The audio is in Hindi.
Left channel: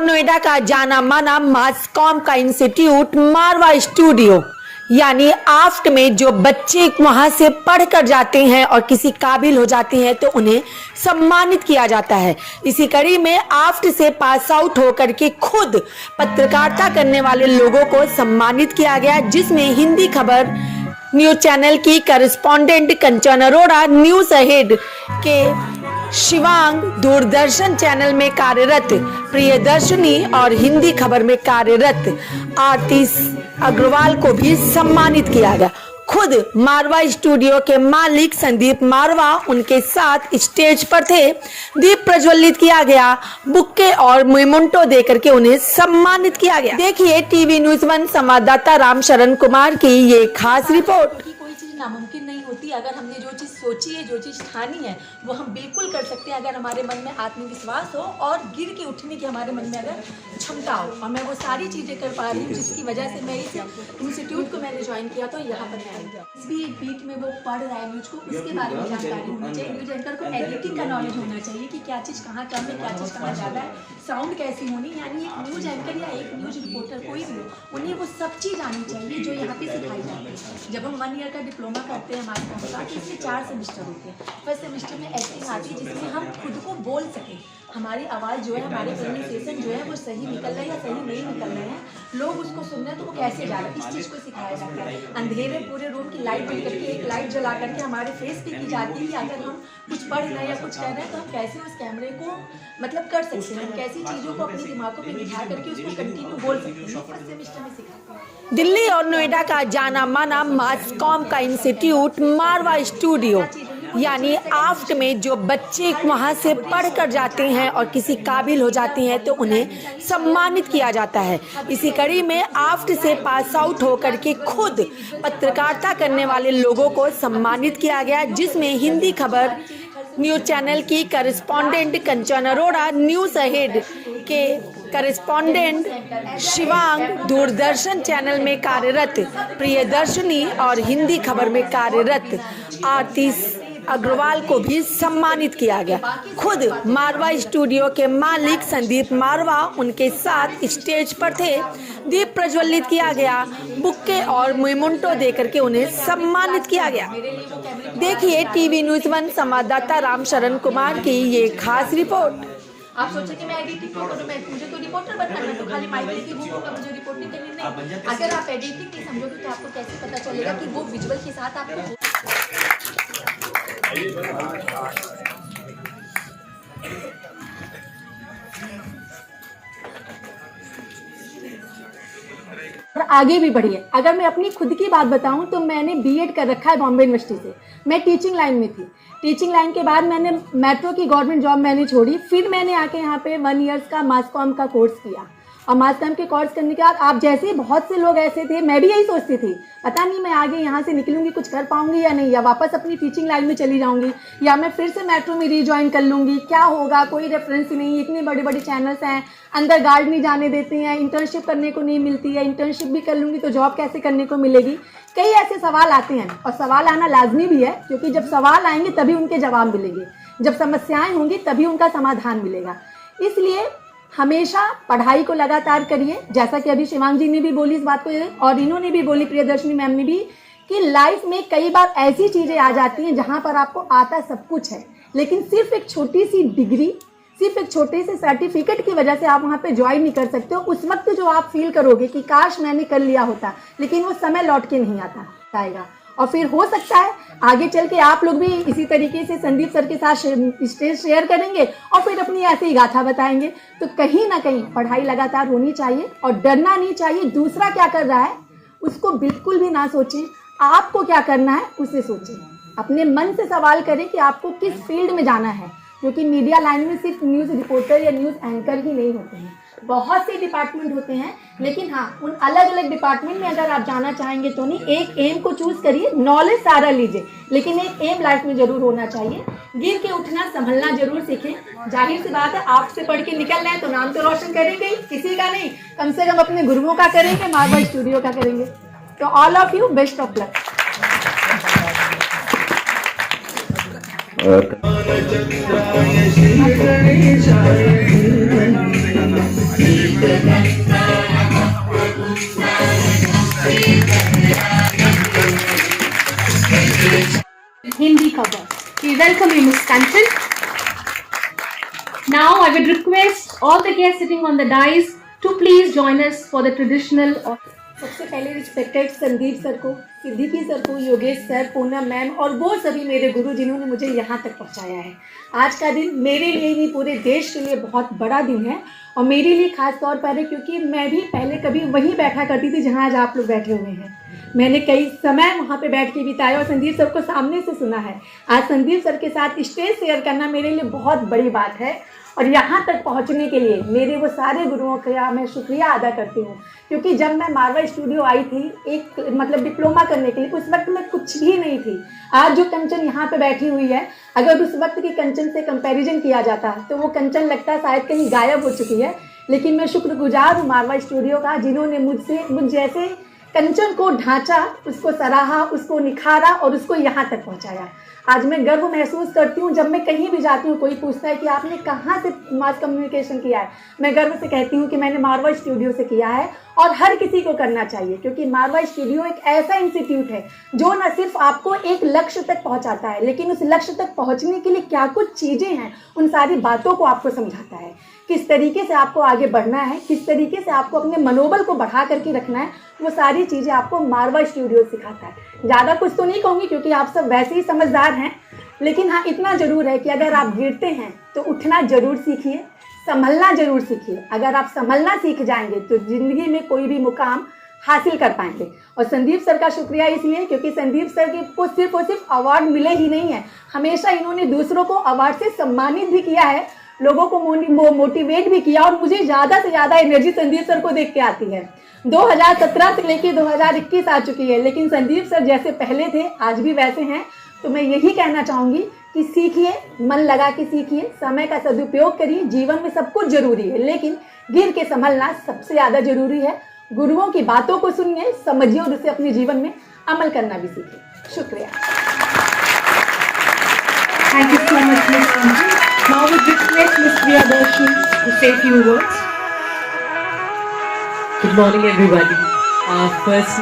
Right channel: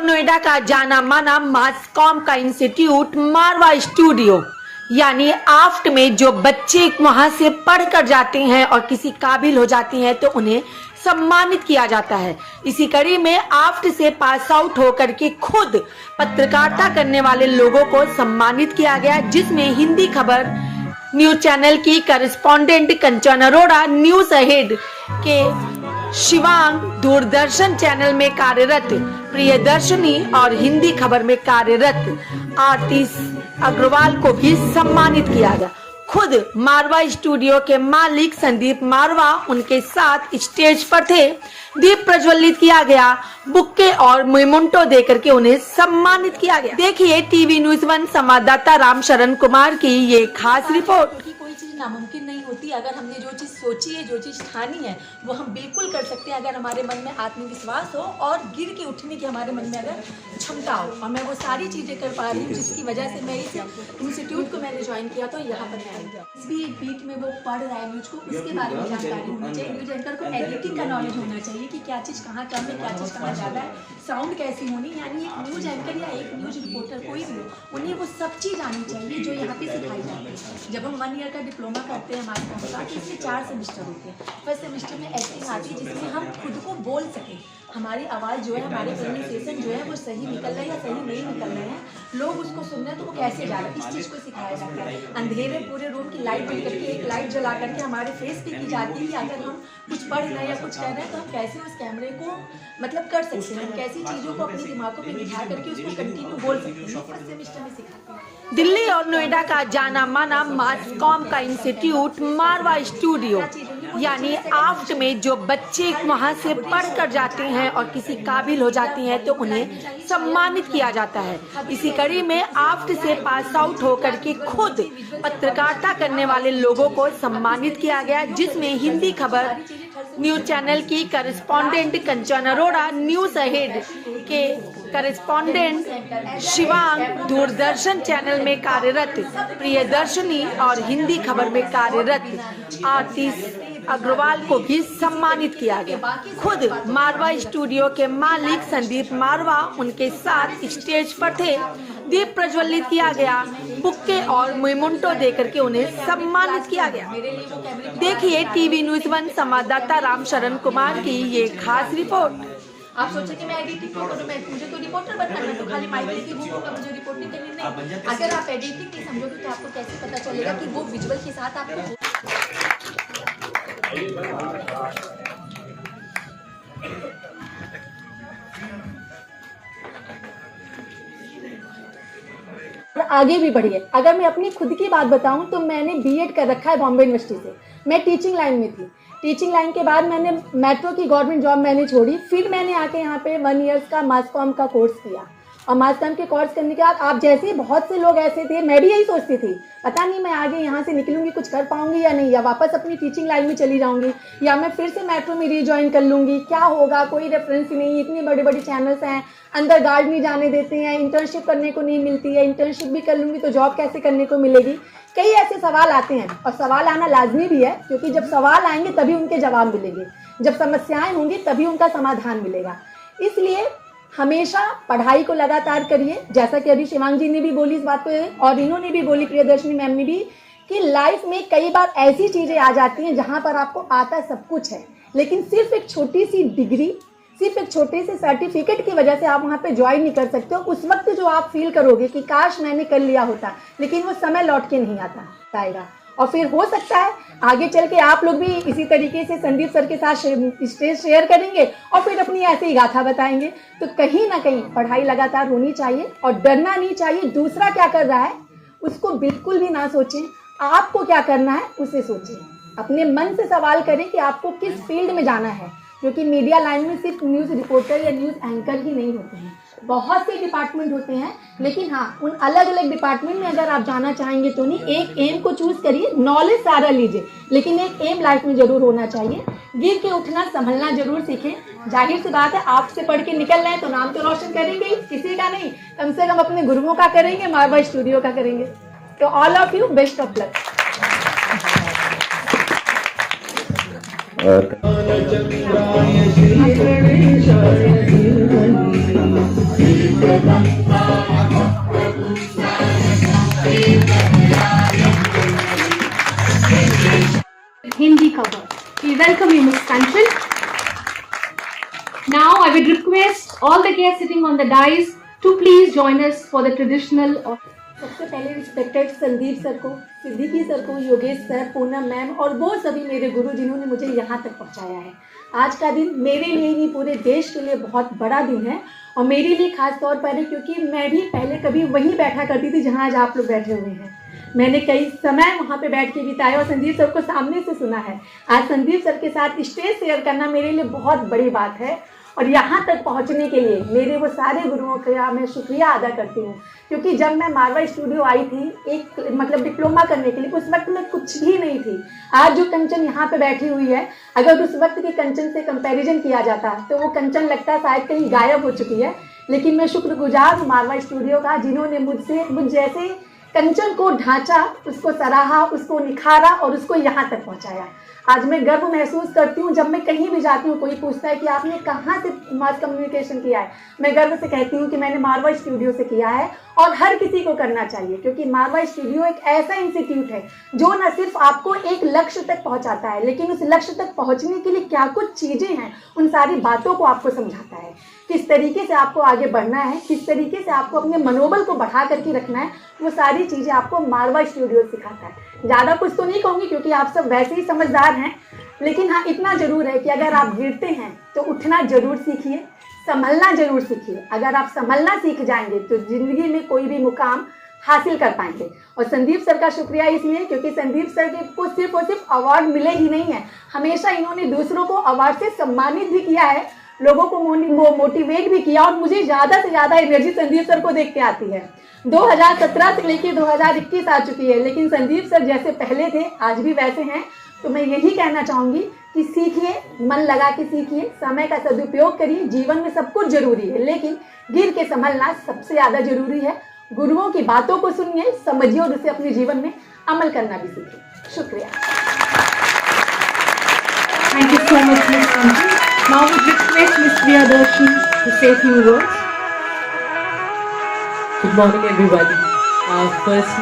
और नोएडा का जाना माना मास कॉम का इंस्टीट्यूट मारवा स्टूडियो यानी आफ्ट में जो बच्चे वहां से पढ़ कर जाते हैं और किसी काबिल हो जाते हैं तो उन्हें सम्मानित किया जाता है। इसी कड़ी में आफ्ट से पास आउट होकर के खुद पत्रकारिता करने वाले लोगों को सम्मानित किया गया, जिसमें हिंदी खबर न्यूज चैनल की करेस्पॉन्डेंट कंचन अरोड़ा, न्यूज अहेड के शिवांग, दूरदर्शन चैनल में कार्यरत प्रियदर्शनी और हिंदी खबर में कार्यरत आरती अग्रवाल को भी सम्मानित किया गया। खुद मारवा स्टूडियो के मालिक संदीप मारवा उनके साथ स्टेज पर थे। दीप प्रज्वलित किया गया, बुक्के और मेमोंटो देकर के उन्हें सम्मानित किया गया। देखिए टीवी न्यूज 1 संवाददाता रामशरण कुमार की ये खास रिपोर्ट। कोई चीज़ नामुमकिन नहीं होती। अगर हमने जो चीज़ सोची है, जो चीज़ ठानी है, वो हम बिल्कुल कर सकते हैं अगर हमारे मन में आत्मविश्वास हो और गिर के उठने की हमारे मन में अगर क्षमता हो। और मैं वो सारी चीज़ें कर पा रही हूँ जिसकी वजह से मैं इस इंस्टीट्यूट को मैंने ज्वाइन किया तो यहाँ पर मैं आई। इस भी एक बीट में वो पढ़ रहा है न्यूज को, उसके बारे में जानकारी होनी चाहिए। न्यूज एंकर को एडिटिंग का नॉलेज होना चाहिए कि क्या चीज़ कहाँ कम है, क्या चीज़ कहाँ ज़्यादा है, साउंड कैसी होनी। यानी एक न्यूज एंकर या एक न्यूज रिपोर्टर कोई भी हो, उन्हें वो सब चीज़ आनी चाहिए जो यहाँ पे सिखाई जाती है। जब हम 1 ईयर का डिप्लोमा करते हैं हमारे कॉम का, इसमें 4 सेमेस्टर होते हैं। फर्स्ट सेमेस्टर में एक्टिंग आती है जिसमें हम खुद को बोल सकें, हमारी आवाज़ जो है, हमारे प्रोनाउंसिएशन जो है वो सही निकल रहा है या सही नहीं निकल रहे हैं, लोग उसको सुन रहे हैं तो वो कैसे जा रहा है, इस चीज़ को सिखाया जाता है। अंधेरे पूरे रूम की लाइट बंद करके एक लाइट जला करके हमारे फेस पे की जाती है कि अगर हम कुछ पढ़ रहे हैं या कुछ कर रहे हैं तो हम कैसे उस कैमरे को मतलब कर सकते हैं, कैसी चीज़ों को अपने दिमागों पे बिठा करके उसको कंटिन्यू बोल सकते हैं। फर्स्ट सेमेस्टर में सिखाते हैं। दिल्ली और नोएडा का जाना माना मास कॉम का इंस्टीट्यूट मारवा स्टूडियो यानी आफ्ट में जो बच्चे वहां से पढ़ कर जाते हैं और किसी काबिल हो जाते हैं तो उन्हें सम्मानित किया जाता है। इसी कड़ी में आफ्ट से पास आउट होकर के खुद पत्रकारिता करने वाले लोगों को सम्मानित किया गया, जिसमें हिंदी खबर न्यूज चैनल की करेस्पॉन्डेंट कंचन अरोड़ा, न्यूज अहेड के करेस्पॉन्डेंट शिवांग, दूरदर्शन चैनल में कार्यरत प्रियदर्शनी और हिंदी खबर में कार्यरत आरती अग्रवाल को भी सम्मानित किया गया। खुद मारवा स्टूडियो के मालिक संदीप मारवा उनके साथ स्टेज पर थे। दीप प्रज्वलित किया गया, बुक्के और मेमोंटो देकर के उन्हें सम्मानित किया गया। देखिए टीवी न्यूज 1 संवाददाता रामशरण कुमार की ये खास रिपोर्ट। आप सोचे कि मैं एडिटिंग क्यों करूँ, मुझे तो रिपोर्टर बनना है, तो खाली माइक लेके घूमूंगा, मुझे रिपोर्टिंग करनी नहीं। अगर आप एडिटिंग नहीं समझोगे तो आपको कैसे पता चलेगा कि वो विजुअल के साथ आपको और आगे भी बढ़िए। अगर मैं अपनी खुद की बात बताऊं तो मैंने बीएड कर रखा है बॉम्बे यूनिवर्सिटी से। मैं टीचिंग लाइन में थी। टीचिंग लाइन के बाद मैंने मेट्रो की गवर्नमेंट जॉब मैंने छोड़ी। फिर मैंने आके यहाँ पे 1 ईयर्स का मास कॉम का कोर्स किया। और मास कॉम के कोर्स करने के बाद आप जैसे ही बहुत से लोग ऐसे थे, मैं भी यही सोचती थी, पता नहीं मैं आगे यहाँ से निकलूंगी, कुछ कर पाऊंगी या नहीं, या वापस अपनी टीचिंग लाइन में चली जाऊंगी, या मैं फिर से मेट्रो में रीज्वाइन कर लूंगी, क्या होगा, कोई रेफरेंस ही नहीं, इतने बड़े बड़े चैनल्स हैं, अंदर गार्ड नहीं जाने देते हैं, इंटर्नशिप करने को नहीं मिलती है, इंटर्नशिप भी कर लूंगी तो जॉब कैसे करने को मिलेगी। कई ऐसे सवाल आते हैं और सवाल आना लाजमी भी है, क्योंकि जब सवाल आएंगे तभी उनके जवाब मिलेंगे, जब समस्याएं होंगी तभी उनका समाधान मिलेगा। इसलिए हमेशा पढ़ाई को लगातार करिए, जैसा कि अभी शिवांग जी ने भी बोली इस बात को, और इन्होंने भी बोली, प्रियदर्शनी मैम ने भी, कि लाइफ में कई बार ऐसी चीजें आ जाती हैं जहां पर आपको आता सब कुछ है, लेकिन सिर्फ एक छोटी सी डिग्री, सिर्फ एक छोटे से सर्टिफिकेट की वजह से आप वहां पे ज्वाइन नहीं कर सकते हो। उस वक्त जो आप फील करोगे कि काश मैंने कर लिया होता, लेकिन वो समय लौट के नहीं आता आएगा। और फिर हो सकता है आगे चल के आप लोग भी इसी तरीके से संदीप सर के साथ स्टेज शेयर करेंगे और फिर अपनी ऐसी ही गाथा बताएंगे। तो कहीं ना कहीं पढ़ाई लगातार होनी चाहिए और डरना नहीं चाहिए। दूसरा क्या कर रहा है उसको बिल्कुल भी ना सोचें, आपको क्या करना है उसे सोचें। अपने मन से सवाल करें कि आपको किस फील्ड में जाना है, क्योंकि मीडिया लाइन में सिर्फ न्यूज़ रिपोर्टर या न्यूज़ एंकर ही नहीं होते हैं, बहुत से डिपार्टमेंट होते हैं। लेकिन हाँ, उन अलग अलग डिपार्टमेंट में अगर आप जाना चाहेंगे तो नहीं, एक एम को चूज करिए, नॉलेज सारा लीजिए, लेकिन एक एम लाइफ में जरूर होना चाहिए। गिर के उठना संभलना जरूर सीखें। जाहिर सी बात है, आप से पढ़ के निकल रहे हैं तो नाम तो रोशन करेंगे ही, किसी का नहीं, कम से कम अपने गुरुओं का करेंगे, मारवा स्टूडियो का करेंगे। तो all of you best of luck. और Hindi cover. We welcome you, Ms. Kanchan. Now I would request all the guests sitting on the dais to please join us for the traditional. सबसे पहले रिस्पेक्टेड संदीप सर को, सिद्दीकी सर को, योगेश सर, पूनम मैम और वो सभी मेरे गुरु जिन्होंने मुझे यहाँ तक पहुँचाया है। आज का दिन मेरे लिए नहीं पूरे देश के लिए बहुत बड़ा दिन है और मेरे लिए खास तौर पर है क्योंकि मैं भी पहले कभी वहीं बैठा करती थी जहाँ आज आप लोग बैठे हुए हैं। मैंने कई समय वहाँ पे बैठ के बिताया और संदीप सर को सामने से सुना है। आज संदीप सर के साथ स्टेज शेयर करना मेरे लिए बहुत बड़ी बात है और यहाँ तक पहुँचने के लिए मेरे वो सारे गुरुओं का मैं शुक्रिया अदा करती हूँ क्योंकि जब मैं मारवा स्टूडियो आई थी एक मतलब डिप्लोमा करने के लिए, उस वक्त में कुछ भी नहीं थी। आज जो कंचन यहाँ पे बैठी हुई है, अगर उस वक्त की कंचन से कंपैरिजन किया जाता तो वो कंचन लगता है शायद कहीं गायब हो चुकी है। लेकिन मैं शुक्रगुजार हूँ मारवा स्टूडियो का जिन्होंने मुझ जैसे कंचन को ढांचा, उसको सराहा, उसको निखारा और उसको यहाँ तक पहुँचाया। आज मैं गर्व महसूस करती हूँ जब मैं कहीं भी जाती हूँ, कोई पूछता है कि आपने कहाँ से मास कम्युनिकेशन किया है, मैं गर्व से कहती हूँ कि मैंने मारवा स्टूडियो से किया है और हर किसी को करना चाहिए क्योंकि मारवा स्टूडियो एक ऐसा इंस्टीट्यूट है जो न सिर्फ आपको एक लक्ष्य तक पहुँचाता है लेकिन उस लक्ष्य तक पहुँचने के लिए क्या कुछ चीज़ें हैं उन सारी बातों को आपको समझाता है। किस तरीके से आपको आगे बढ़ना है, किस तरीके से आपको अपने मनोबल को बढ़ा करके रखना है, वो सारी चीज़ें आपको मारवा स्टूडियो सिखाता है। ज़्यादा कुछ तो नहीं कहूँगी क्योंकि आप सब वैसे ही समझदार हैं, लेकिन हाँ इतना ज़रूर है कि अगर आप गिरते हैं तो उठना ज़रूर सीखिए, संभलना ज़रूर सीखिए। अगर आप संभलना सीख जाएंगे तो ज़िंदगी में कोई भी मुकाम हासिल कर पाएंगे। और संदीप सर का शुक्रिया इसलिए क्योंकि संदीप सर को सिर्फ अवार्ड मिले ही नहीं है, हमेशा इन्होंने दूसरों को अवार्ड से सम्मानित भी किया है, लोगों को मोटिवेट भी किया और मुझे ज़्यादा से ज़्यादा एनर्जी संदीप सर को देख के आती है। 2017 से लेके 2021 आ चुकी है लेकिन संदीप सर जैसे पहले थे आज भी वैसे हैं। तो मैं यही कहना चाहूँगी कि सीखिए, मन लगा के सीखिए, समय का सदुपयोग करिए। जीवन में सब कुछ जरूरी है लेकिन गिर के संभलना सबसे ज़्यादा जरूरी है। गुरुओं की बातों को सुनिए, समझिए और उसे अपने जीवन में अमल करना भी सीखिए। शुक्रिया। Thank you so much, Ms. Kanchan. Now we request Ms. Priyadarshi to say a few words. Good morning, everybody. First,